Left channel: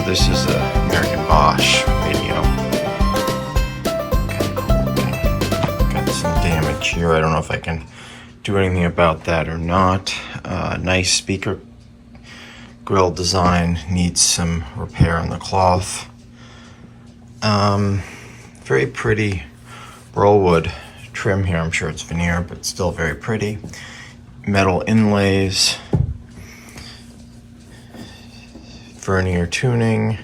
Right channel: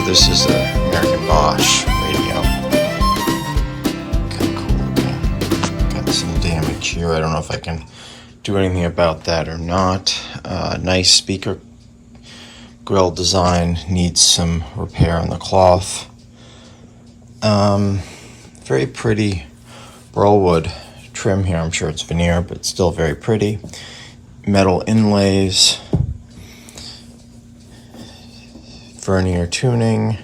So this is a American Bosch radio. Kind of cool. Got some damage here. I don't know if I can do anything about that or not. Nice speaker grill design, needs some repair on the cloth. Very pretty rollwood trim here. I'm sure it's veneer, but still very pretty. Metal inlays, vernier tuning.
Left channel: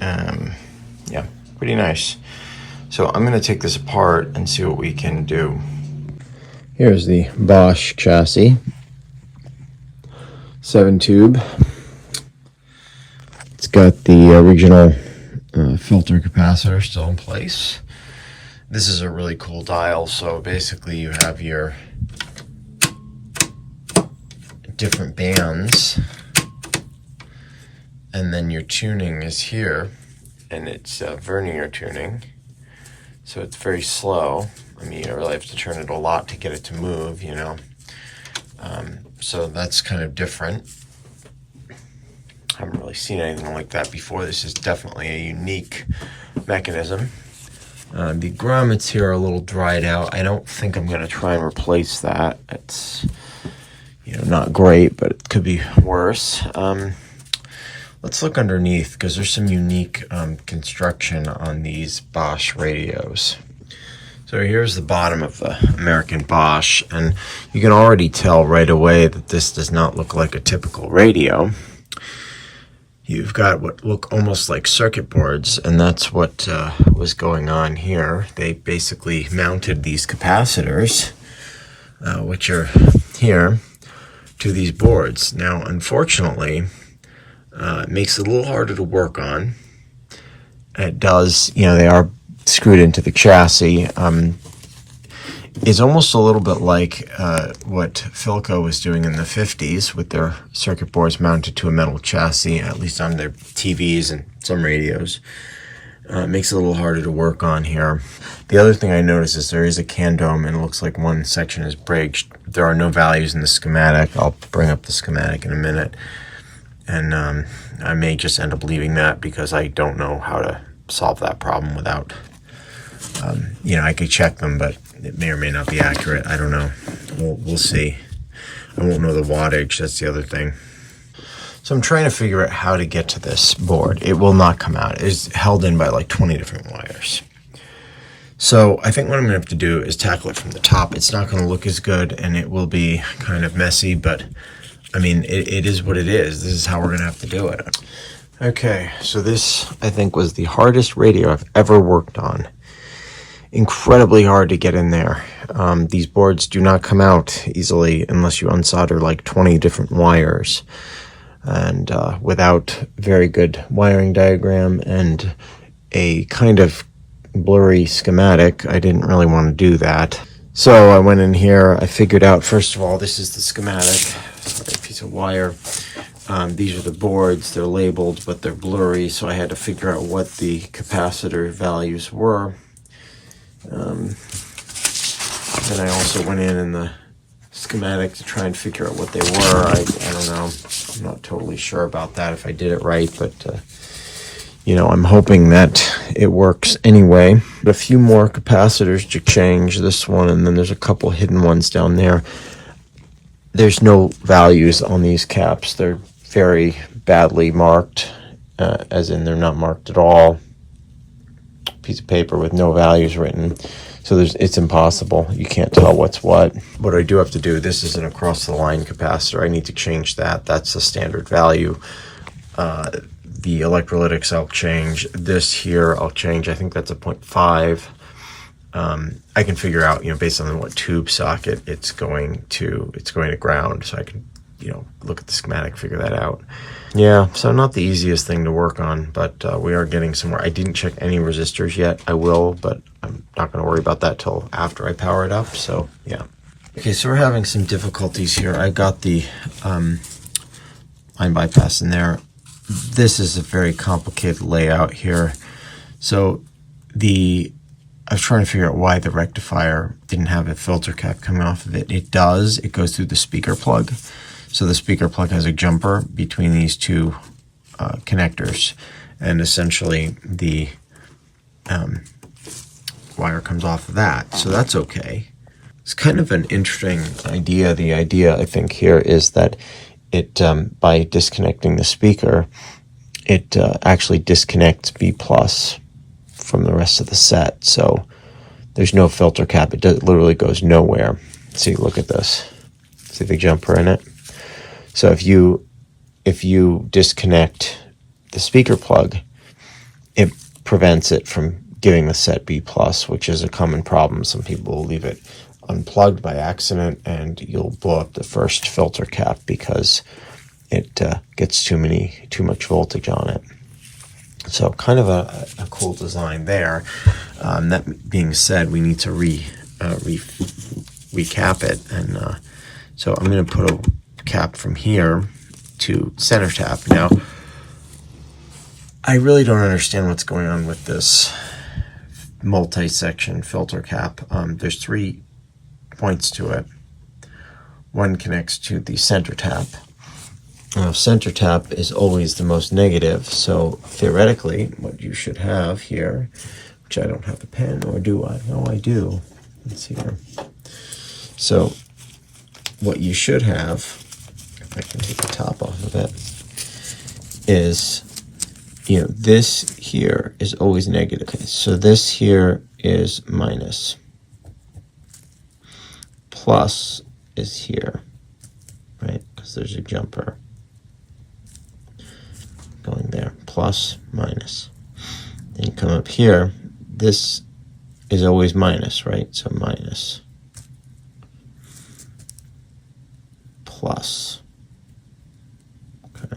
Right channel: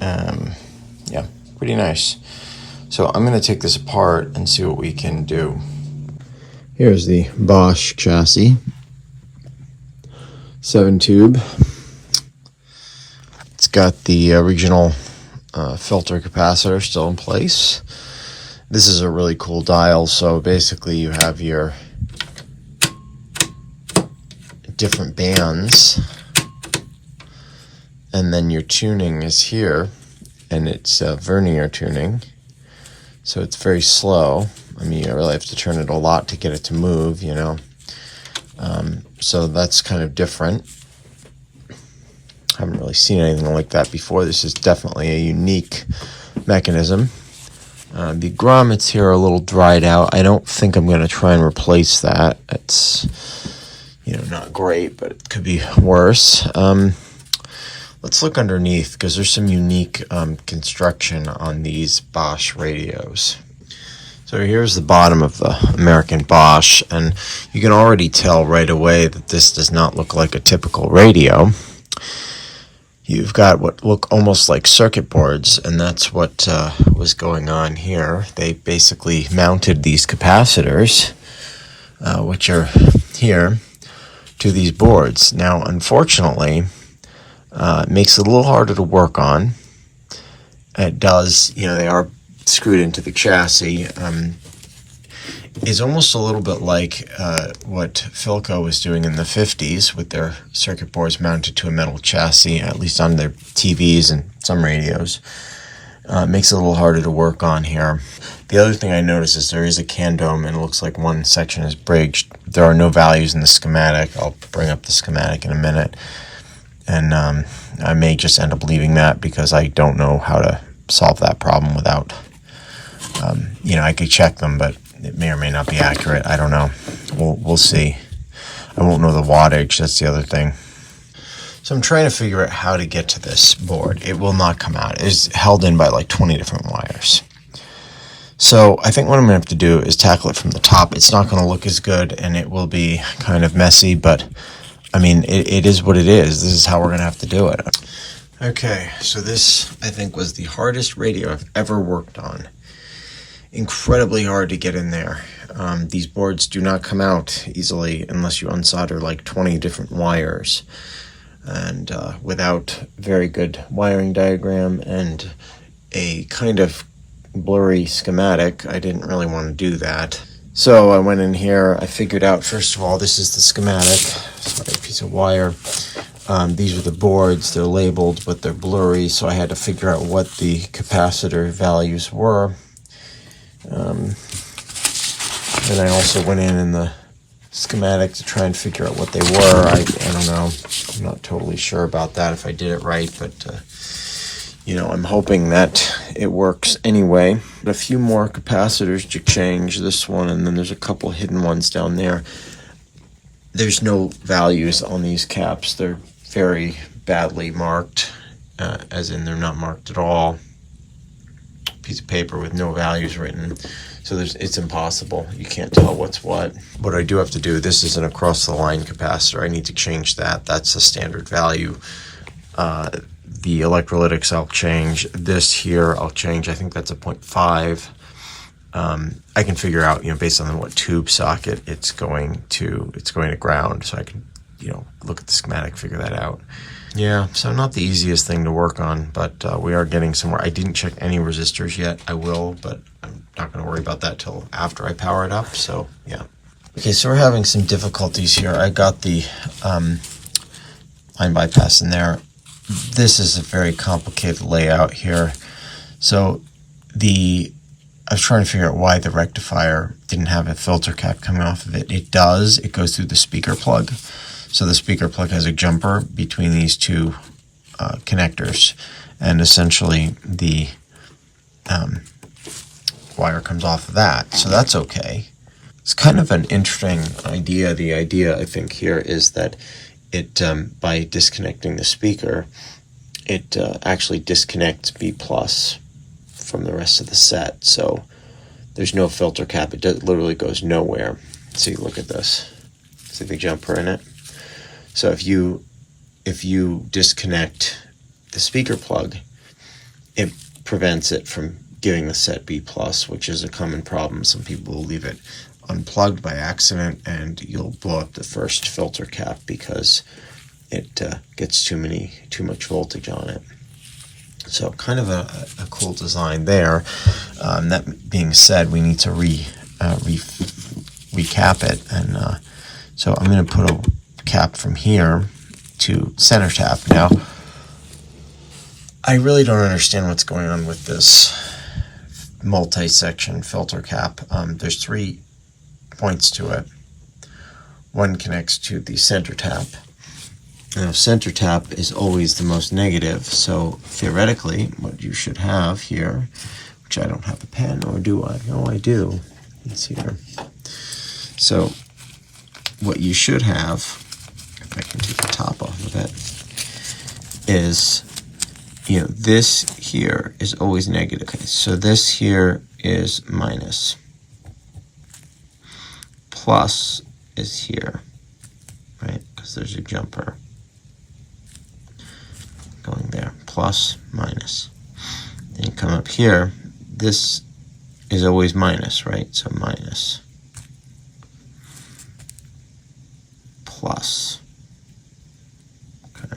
Yeah, pretty nice. So I'm going to take this apart and see what we can do. Here's the Bosch chassis. 7-tube. It's got the original filter capacitor still in place. This is a really cool dial. So basically you have your different bands, and then your tuning is here, and it's vernier tuning. So it's very slow. I mean, you really have to turn it a lot to get it to move, you know. So that's kind of different. I haven't really seen anything like that before. This is definitely a unique mechanism. The grommets here are a little dried out. I don't think I'm going to try and replace that. It's, you know, not great, but it could be worse. Let's look underneath, because there's some unique construction on these Bosch radios. So here's the bottom of the American Bosch, and you can already tell right away that this does not look like a typical radio. You've got what look almost like circuit boards, and that's what was going on here. They basically mounted these capacitors, which are here, to these boards. Now, unfortunately, it makes it a little harder to work on. It does, you know, they are screwed into the chassis. It's almost a little bit like what Philco was doing in the 50s with their circuit boards mounted to a metal chassis, at least on their TVs and some radios. It makes it a little harder to work on here. The other thing I noticed is there is a can dome, and it looks like one section is bridged. There are no values in the schematic. I'll bring up the schematic in a minute. And I may just end up leaving that because I don't know how to solve that problem without, you know, I could check them, but it may or may not be accurate. I don't know. We'll see. I won't know the wattage. That's the other thing. So I'm trying to figure out how to get to this board. It will not come out. It's held in by like 20 different wires. So I think what I'm going to have to do is tackle it from the top. It's not going to look as good, and it will be kind of messy, but I mean, it is what it is. This is how we're going to have to do it. Okay, so this, I think, was the hardest radio I've ever worked on. Incredibly hard to get in there. These boards do not come out easily unless you unsolder like 20 different wires. And without very good wiring diagram and a kind of blurry schematic, I didn't really want to do that. So I went in here, I figured out, first of all, this is the schematic. A piece of wire. These are the boards. They're labeled, but they're blurry, so I had to figure out what the capacitor values were. Then I also went in the schematic to try and figure out what they were. I don't know. I'm not totally sure about that if I did it right, but you know, I'm hoping that it works anyway. A few more capacitors to change, this one, and then there's a couple hidden ones down there. There's no values on these caps. They're very badly marked, as in they're not marked at all. Piece of paper with no values written. So it's impossible. You can't tell what's what. What I do have to do, this is an across-the-line capacitor. I need to change that. That's a standard value. The electrolytics I'll change. This here I'll change. I think that's a 0.5. I can figure out, you know, based on what tube socket it's going to ground, so I can, you know, look at the schematic, figure that out. Yeah, so not the easiest thing to work on, but we are getting somewhere. I didn't check any resistors yet. I will, but I'm not going to worry about that till after I power it up, so yeah. Okay, so we're having some difficulties here. I got the line bypass in there. This is a very complicated layout here. So I was trying to figure out why the rectifier didn't have a filter cap coming off of it. It does. It goes through the speaker plug. So the speaker plug has a jumper between these two connectors, and essentially the wire comes off of that, so that's okay. It's kind of an interesting idea. The idea, I think, here is that it, by disconnecting the speaker, it actually disconnects B plus from the rest of the set, so there's no filter cap. It literally goes nowhere. See, look at this. See the jumper in it? So if you disconnect the speaker plug, it prevents it from giving the set B plus, which is a common problem. Some people will leave it unplugged by accident, and you'll blow up the first filter cap because it gets too much voltage on it. So kind of a cool design there. That being said, we need to recap it, and so I'm going to put a cap from here to center tap. Now, I really don't understand what's going on with this multi-section filter cap. There's 3 points to it. One connects to the center tap. Center tap is always the most negative, so theoretically what you should have here, which I don't have a pen, or do I? No, I do. Let's see here. So what you should have, if I can take the top off of it, is, this here is always negative. Okay, so this here is minus. Plus is here, right? Because there's a jumper going there. Plus, minus. Then you come up here. This is always minus, right? So minus. Plus. Okay.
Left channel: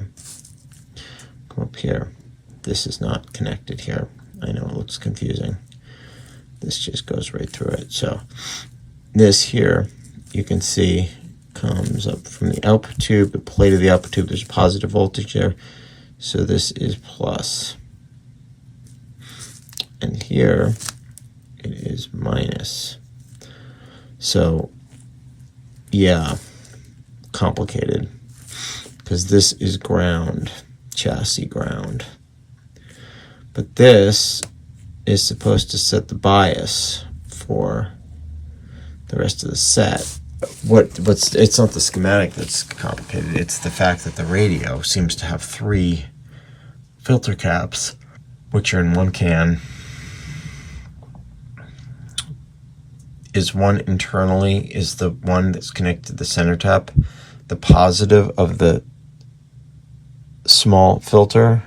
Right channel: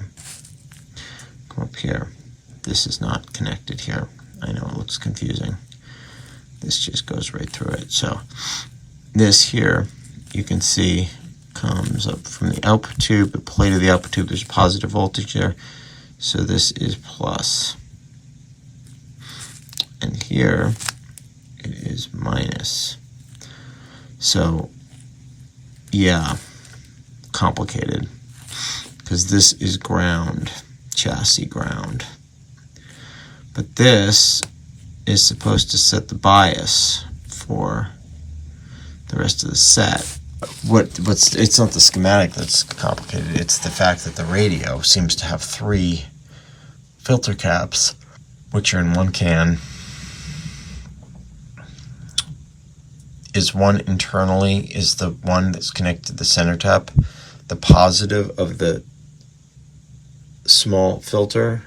Come up here. This is not connected here. I know it looks confusing. This just goes right through it. So this here, you can see, comes up from the output tube, the plate of the output tube. There's positive voltage there. So this is plus. And here it is minus. So, yeah, complicated. Because this is ground, chassis ground. But this is supposed to set the bias for the rest of the set. It's not the schematic that's complicated, it's the fact that the radio seems to have 3 filter caps, which are in one can. Is one internally, is the one that's connected to the center tap the positive of the small filter?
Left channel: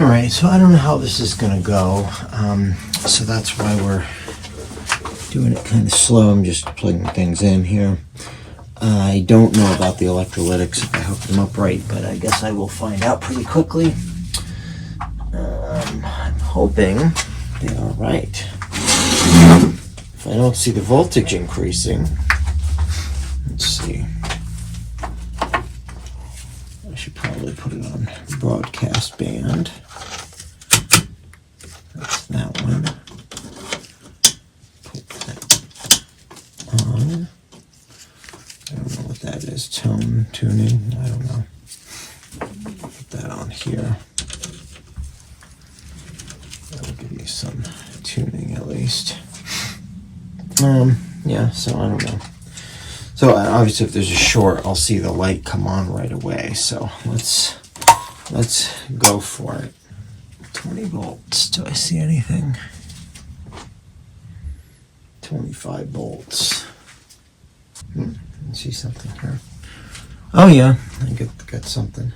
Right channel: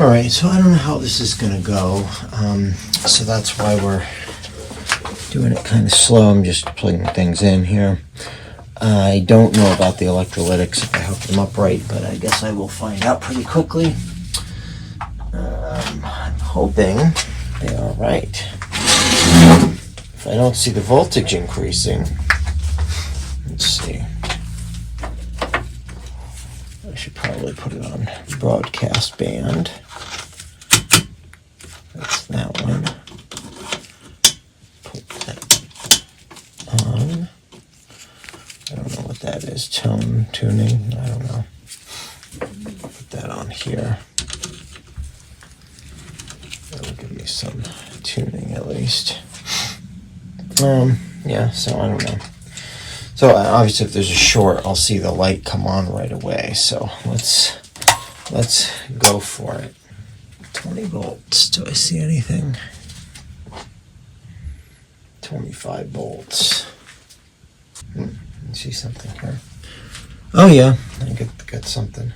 Alright, so I don't know how this is going to go, so that's why we're doing it kind of slow. I'm just plugging things in here. I don't know about the electrolytics if I hook them up right, but I guess I will find out pretty quickly. I'm hoping they are right. If I don't see the voltage increasing, let's see. I should probably put it on broadcast band. That's that one. Put that on. I don't know what that is. Tone tuning. I don't know. Put that on here. That'll give you some tuning at least. Yeah, so I don't know. So obviously if there's a short, I'll see the light come on right away. So let's go for it. 20 volts. Do I see anything? 25 volts. I see something here. Oh yeah, I get something.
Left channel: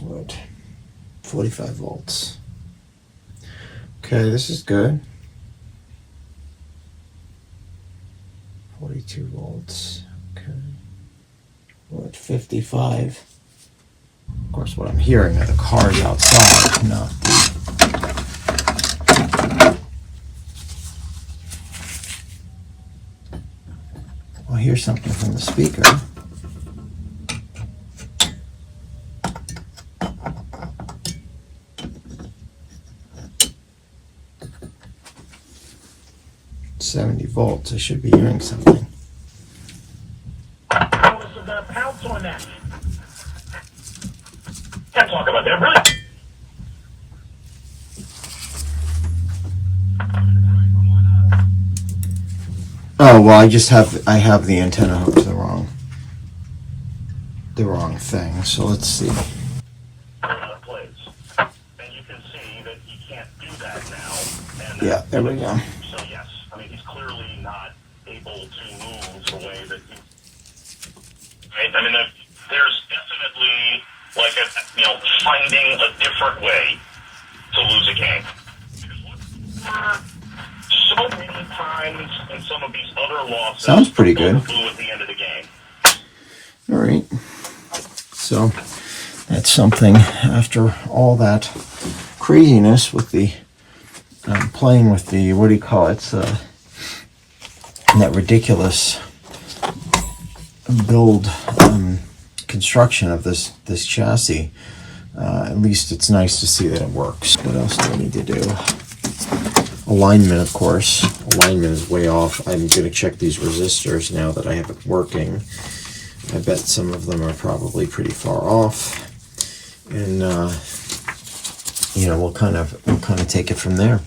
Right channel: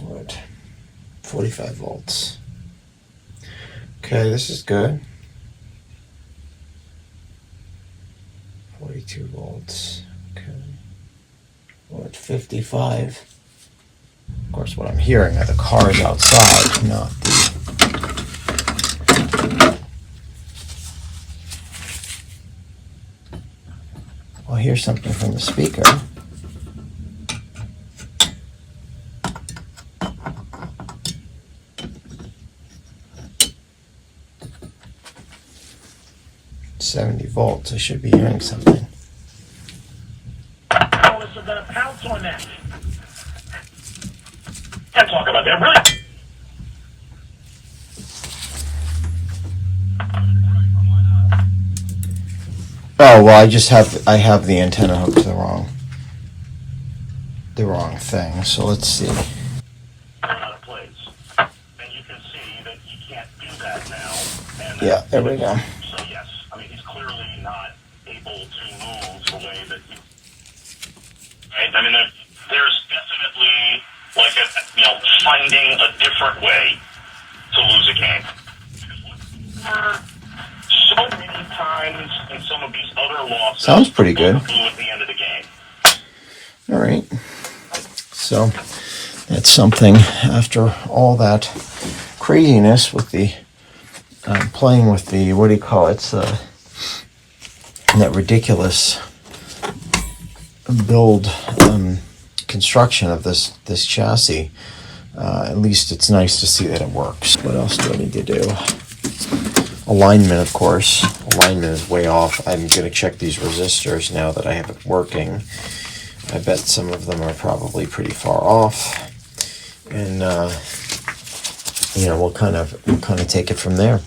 What? 45 volts. Okay, this is good. 42 volts. Okay. We're at 55. Of course, what I'm hearing are the cars outside, not the... Well, here's something from the speaker. 70 volts. I should be hearing something. Can't talk about that, really. Oh well, I have the antenna hooked to the wrong thing. So let's see. Out of place, and you can see that he can't do that now. And Yeah, there we go. So yes, I mean he's clearly not able to move the way that he. Right? I mean, there's definitely like finding a different way to lose a game. So many times in some of these other losses, sounds pretty good. Blew at the end of the game. All right. So that's something after all that craziness with the playing with the, what do you call it? That ridiculous build construction of this chassis. At least it's nice to see that it works. What else do I need to do? Alignment, of course. Alignment is way off. I'm going to check these resistors now that I have it working. I bet some of them are probably pretty far off. And we'll kind of take it from there.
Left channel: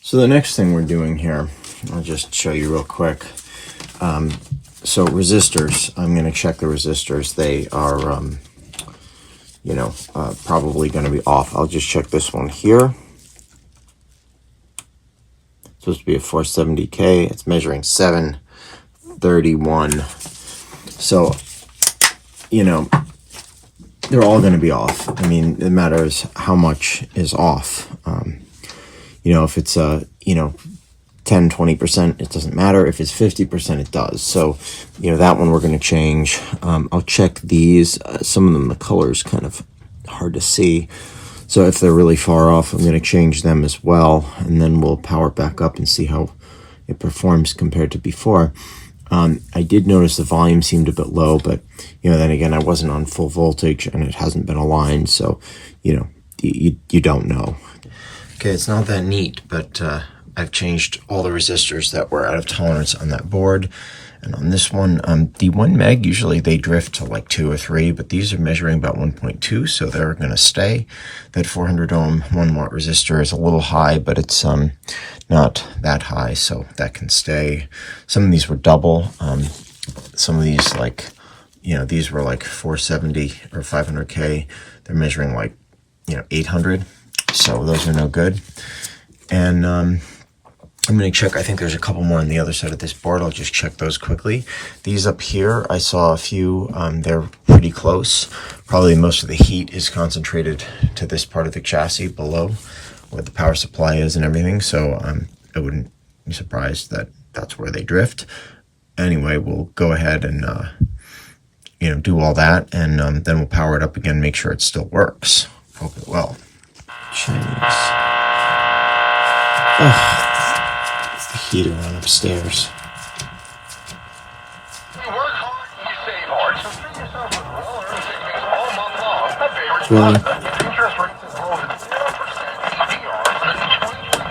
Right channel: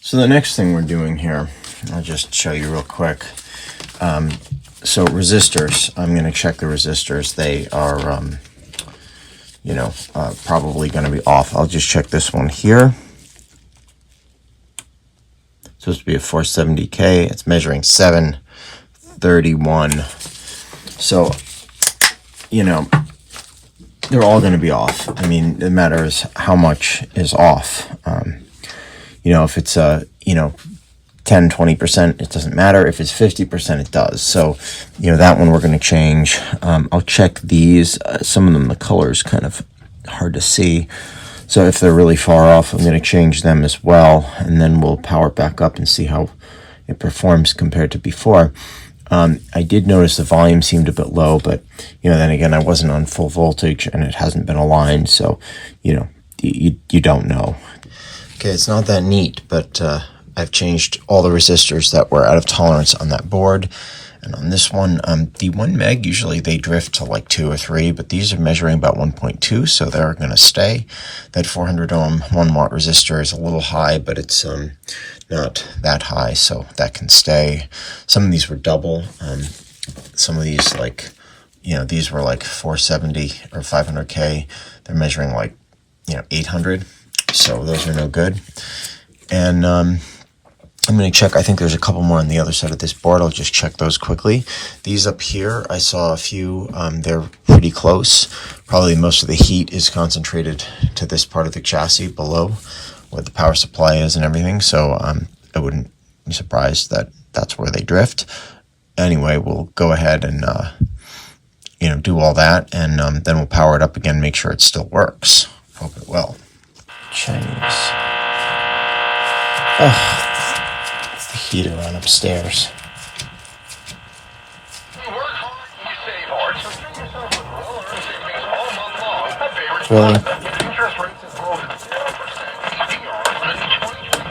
So the next thing we're doing here, I'll just show you real quick. So resistors, I'm going to check the resistors. They are probably going to be off. I'll just check this one here. It's supposed to be a 470K. It's measuring 731. So, they're all going to be off. I mean, it matters how much is off. If it's 10, 20%, it doesn't matter. If it's 50%, it does. So, that one we're going to change. I'll check these. Some of them, the color is kind of hard to see. So if they're really far off, I'm going to change them as well. And then we'll power it back up and see how it performs compared to before. I did notice the volume seemed a bit low, but, then again, I wasn't on full voltage and it hasn't been aligned. So, you don't know. Okay, it's not that neat, but I've changed all the resistors that were out of tolerance on that board. And on this one, the 1 meg, usually they drift to like 2 or 3, but these are measuring about 1.2, so they're going to stay. That 400 ohm 1 watt resistor is a little high, but it's not that high, so that can stay. Some of these were double. Some of these, these were like 470 or 500K. They're measuring like, 800, so those are no good. And I'm going to check, I think there's a couple more on the other side of this board. I'll just check those quickly. These up here, I saw a few, they're pretty close. Probably most of the heat is concentrated to this part of the chassis below where the power supply is and everything. So I wouldn't be surprised that that's where they drift. Anyway, we'll go ahead and, do all that. And then we'll power it up again, make sure it still works. Hope it will. Chinese. Oh. Heater on upstairs. You work hard and you save hard, so treat yourself with well-earned savings all month long. Really? Interest rates have grown to 0% APR on a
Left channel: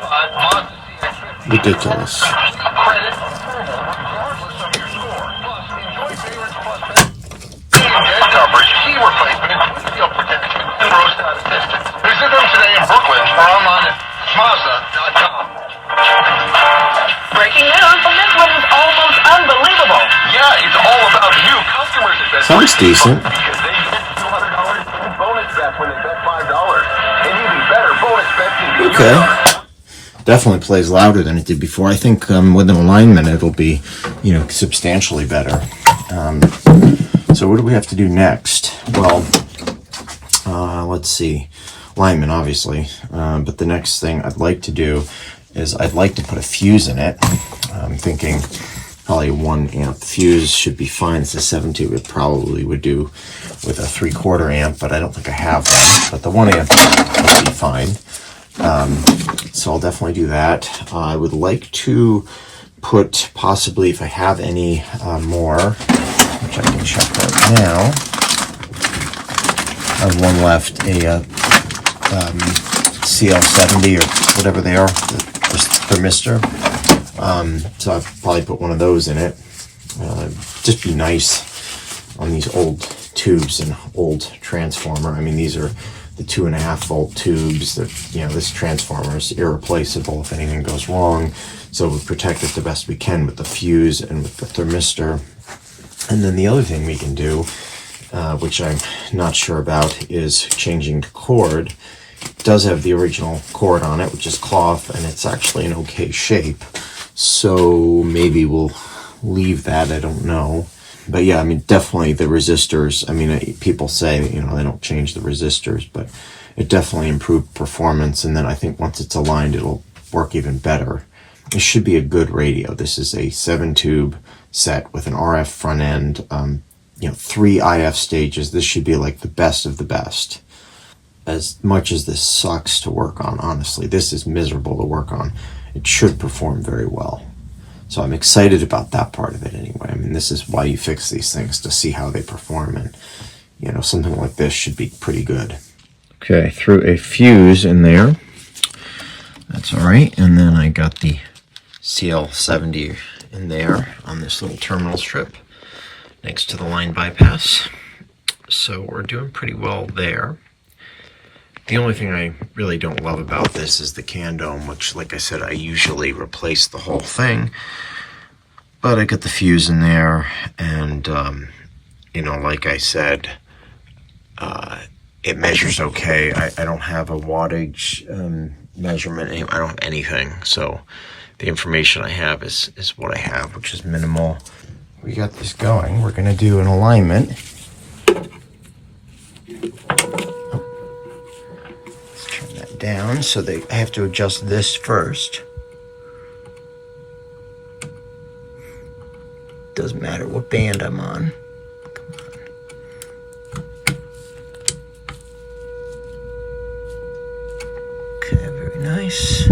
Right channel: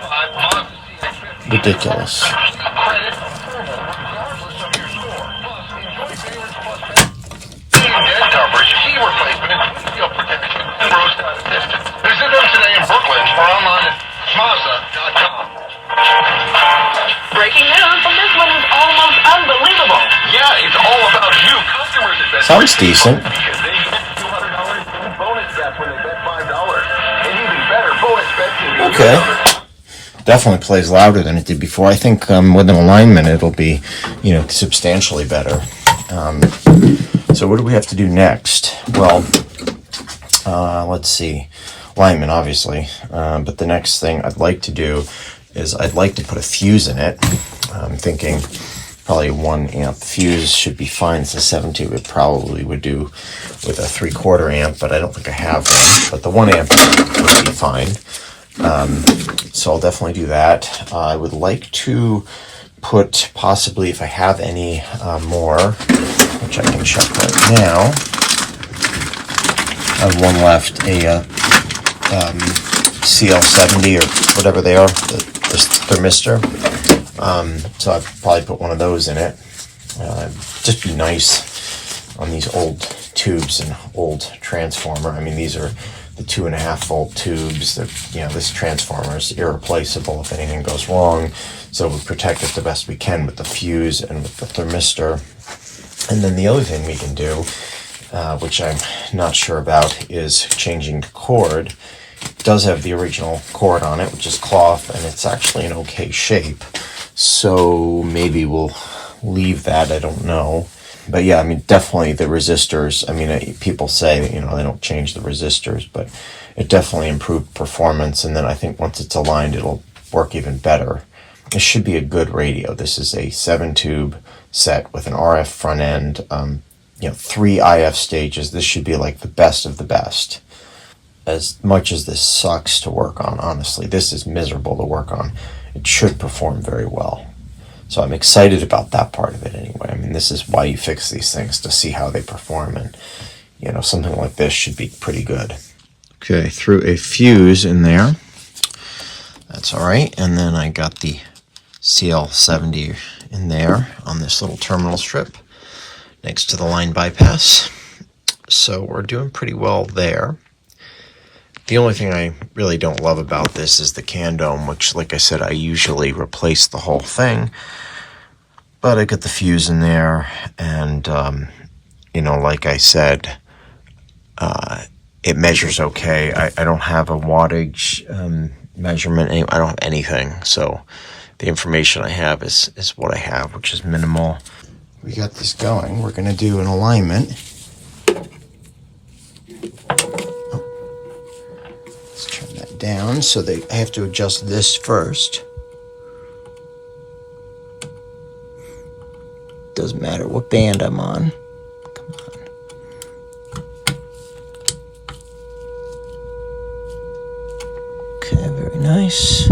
2025 Mazda CX-50. Ridiculous. Credit approval regardless of your score. Plus, enjoy favorites plus dead coverage, key replacement, windshield protection, and roadside assistance. Visit them today in Brooklyn or online at Mazda.com. Breaking news, and this one is almost unbelievable. Yeah, it's all about new customers at Best Sounds decent. Because they get $200 in bonus bets when they bet $5. And even better, bonus bets can be Okay. Definitely plays louder than it did before. I think with an alignment, it'll be, substantially better. So what do we have to do next? Well, let's see. Alignment, obviously. But the next thing I'd like to do is I'd like to put a fuse in it. I'm thinking probably 1 amp fuse should be fine. It's a 7.2. It probably would do with a 3/4 amp, but I don't think I have one. But the 1 amp would be fine. So I'll definitely do that. I would like to put possibly, if I have any more, which I can check right now. I have one left, a CL70 or whatever they are, the thermistor. So I'd probably put one of those in it. Just be nice on these old tubes and old transformer. I mean, these are the 2.5 volt tubes that, you know, this transformer is irreplaceable if anything goes wrong. So we protect it the best we can with the fuse and with the thermistor. And then the other thing we can do, which I'm not sure about, is changing the cord. It does have the original cord on it, which is cloth, and it's actually in okay shape. So maybe we'll leave that, I don't know. But yeah, I mean, definitely the resistors, I mean, people say that, you know, they don't change the resistors, but it definitely improved performance. And then I think once it's aligned, it'll work even better. This should be a good radio. This is a 7-tube set with an RF front end, you know, 3 IF stages. This should be like the best of the best. As much as this sucks to work on, honestly, this is miserable to work on. It should perform very well. So I'm excited about that part of it anyway. I mean, this is why you fix these things, to see how they perform. And, you know, something like this should be pretty good. Okay, threw a fuse in there. That's all right. And then I got the CL70 in there on this little terminal strip next to the line bypass. So we're doing pretty well there. The only thing I really don't love about this is the can dome, which, like I said, I usually replace the whole thing. But I got the fuse in there, and, you know, like I said, it measures okay. I don't have a wattage measurement. I don't have anything. So the information I have is what I have, which is minimal. We got this going. We're going to do an alignment. Down, so I have to adjust this first. Doesn't matter what band I'm on. Come on. Okay, very nice.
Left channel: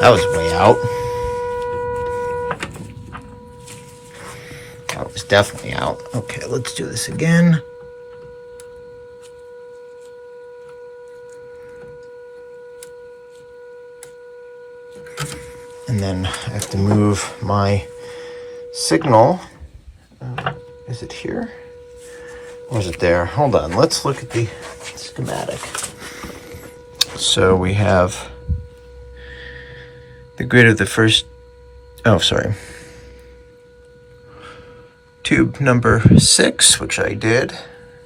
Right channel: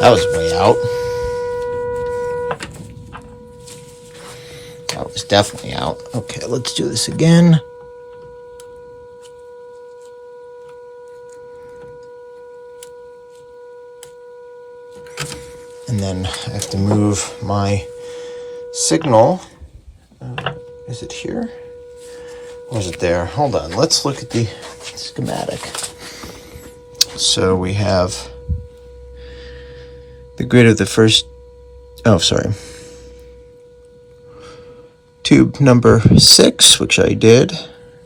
That was way out. That was definitely out. Okay, let's do this again. And then I have to move my signal. Is it here? Or is it there? Hold on. Let's look at the schematic. So we have the grid of the first... Oh, sorry. Tube number 6, which I did.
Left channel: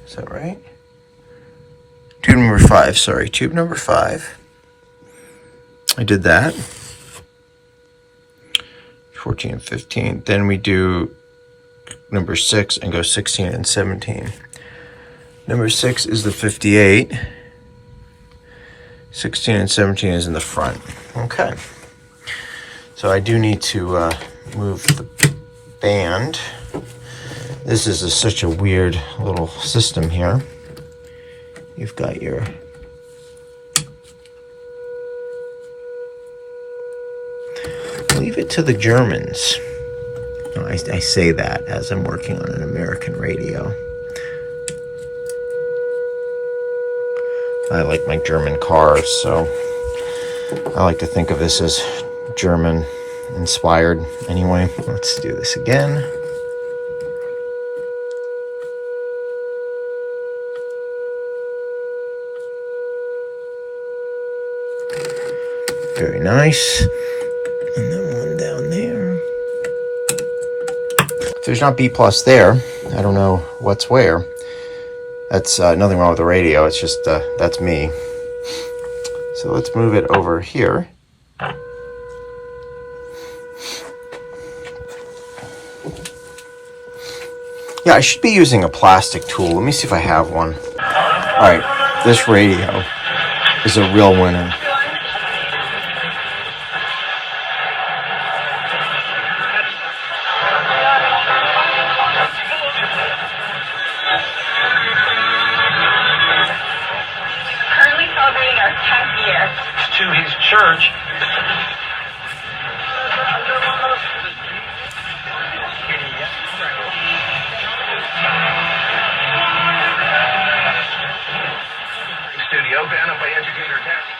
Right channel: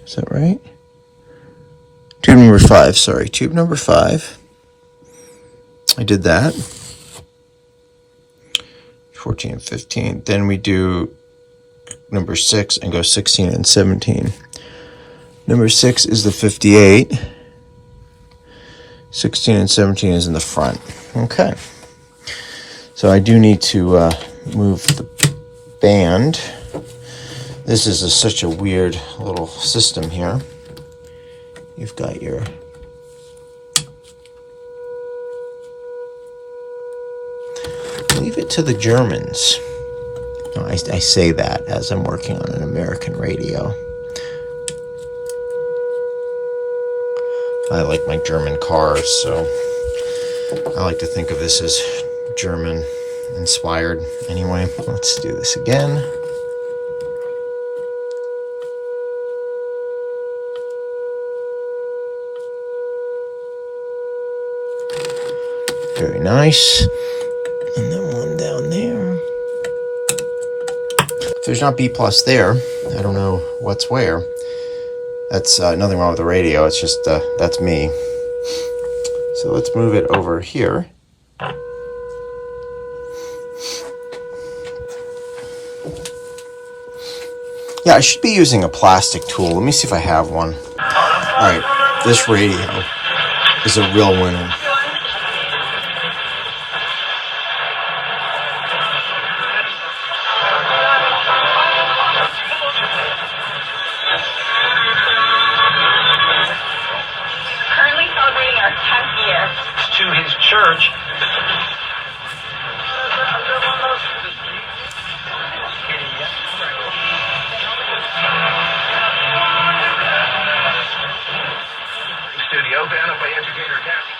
Is that right? Tube number 5, sorry. Tube number 5. I did that. 14 and 15. Then we do number 6 and go 16 and 17. Number 6 is the 58. 16 and 17 is in the front. Okay. So I do need to move the band. This is such a weird little system here. You've got your leave it to the Germans. No, I say that as I'm working on an American radio. I like my German cars, so I like to think of this as German inspired. Anyway, let's do this again. Very nice. And then one down there. If there's not B plus there, I don't know what's where. That's nothing wrong with the radio, it's just that's me. So let's move it over here. Yeah, I should be using a plastic tool. Let me see if I have one. Alright, this radio is a real winner. To his church. Studio, band up by Educator Tech.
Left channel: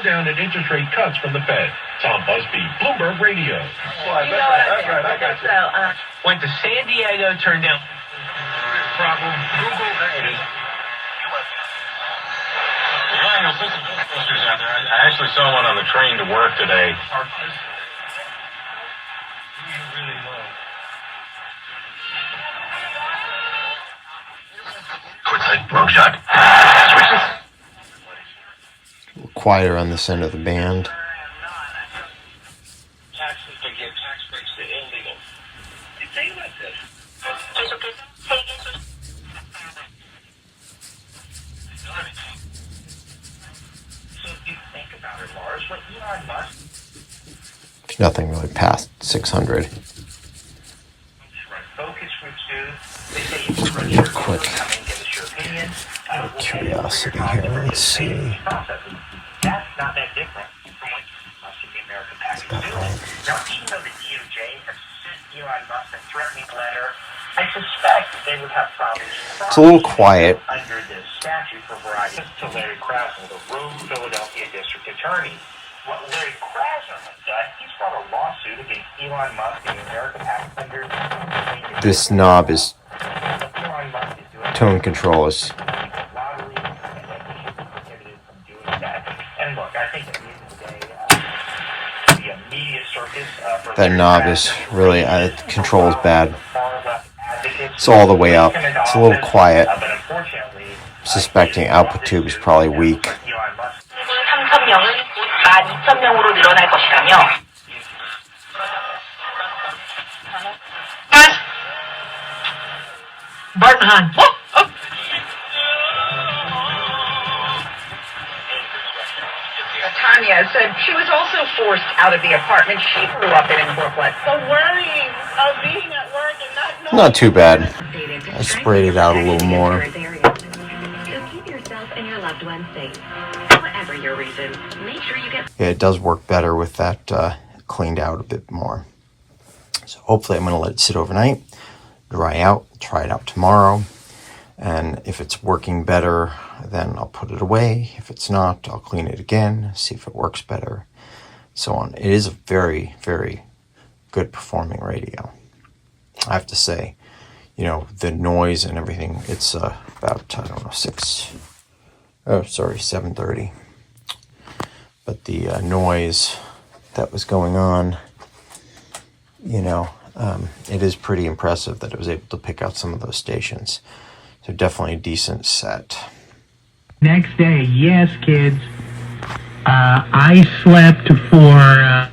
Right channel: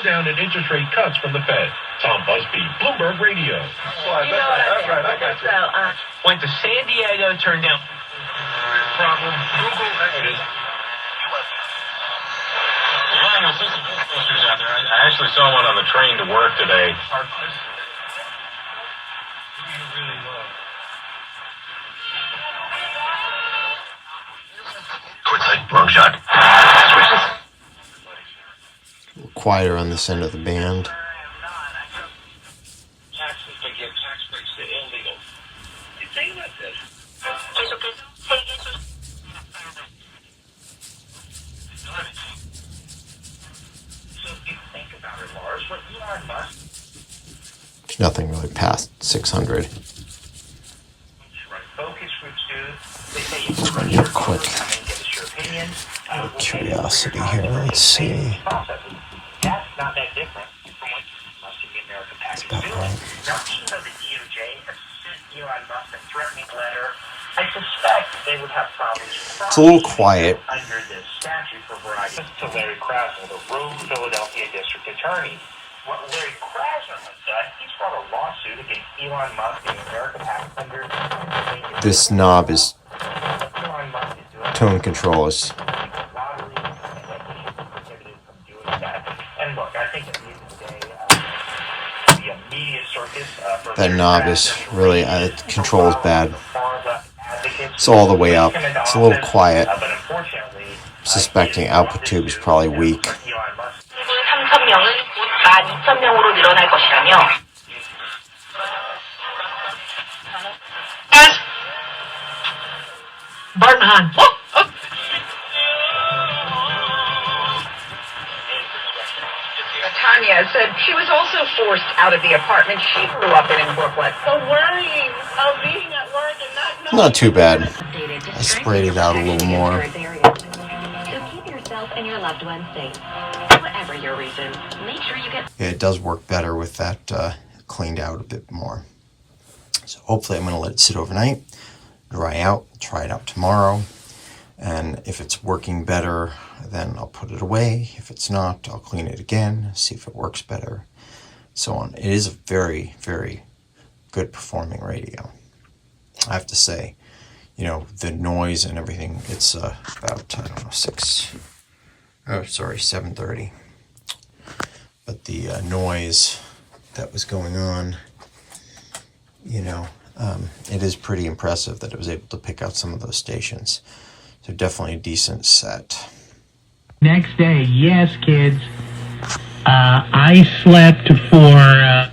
slowdown in interest rate cuts from the Fed. Tom Busby, Bloomberg Radio. That's right. I got you. Went to San Diego, turned down. Problem. Google. There it is. Yeah, you'll see some posters out there. I actually saw one on the train to work today. Quick, wrong shot. Quieter on this end of the band. Taxes to give tax breaks to illegal. You say like this. So if you think about it, Lars, what Elon Musk There's nothing really past 600. focus would do, they say you can run your Quick. give us your opinion. Curiosity here. Let's see. That's not that different from what Musk and the American package do. Now, even though the DOJ has sent Elon Musk a threatening letter, I suspect they would have problems. It's a little quiet. Under this statute for variety. To Larry Krasner, the rogue Philadelphia district attorney. What Larry Krasner has done, he's brought a lawsuit against Elon Musk and the American package under This knob is Elon Musk is doing tone control is and look, I think at the end of the day, the media circus that knob is really control is bad. It's all the way up. It's a little quiet. But unfortunately, Suspecting output tube is probably weak. Elon Musk. 3,000명은 곧 12,000명으로 늘어날 것이라며 Barton Hahn. Tanya said she was also forced out of the apartment she grew up in Brooklyn. The worrying of being at work and not knowing. Not too bad. I sprayed it out a little more. So keep yourself and your loved ones safe. Whatever your reason, make sure you get... Yeah, it does work better with that cleaned out a bit more. So hopefully I'm going to let it sit overnight, dry out, try it out tomorrow. And if it's working better, then I'll put it away. If it's not, I'll clean it again, see if it works better, so on. It is a very, very good performing radio. I have to say, you know, the noise and everything, it's about, 7:30. But the noise that was going on, you know, it is pretty impressive that it was able to pick out some of those stations. So definitely a decent set. Next day, yes, kids. I slept for...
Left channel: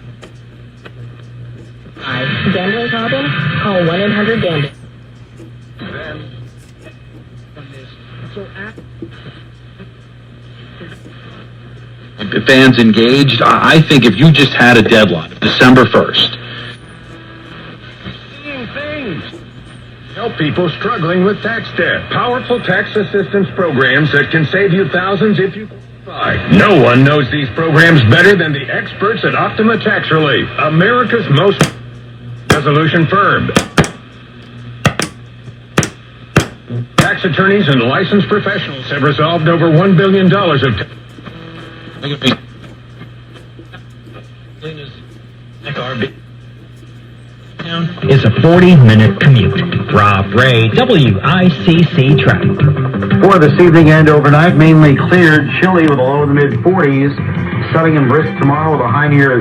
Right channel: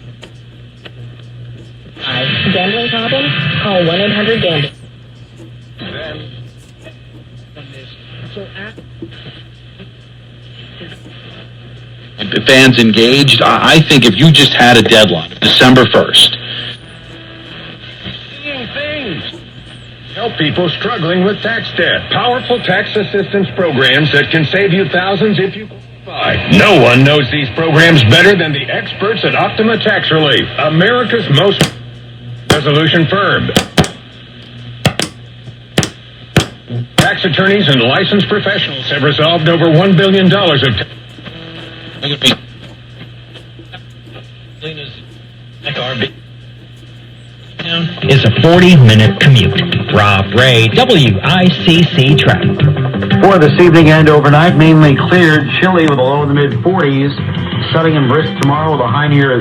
Gambling problem? Call 1-800-GAMBLE. Fans engaged. I think if you just had a deadline, December 1st. Help people struggling with tax debt. Powerful tax assistance programs that can save you thousands if you qualify. No one knows these programs better than the experts at Optima Tax Relief, America's most resolution firm. Tax attorneys and licensed professionals have resolved over $1 billion of Is a 40-minute commute. Rob Ray, WICC traffic. For this evening and overnight, mainly cleared, chilly with a low in the mid-40s. Sunny and brisk tomorrow with a high near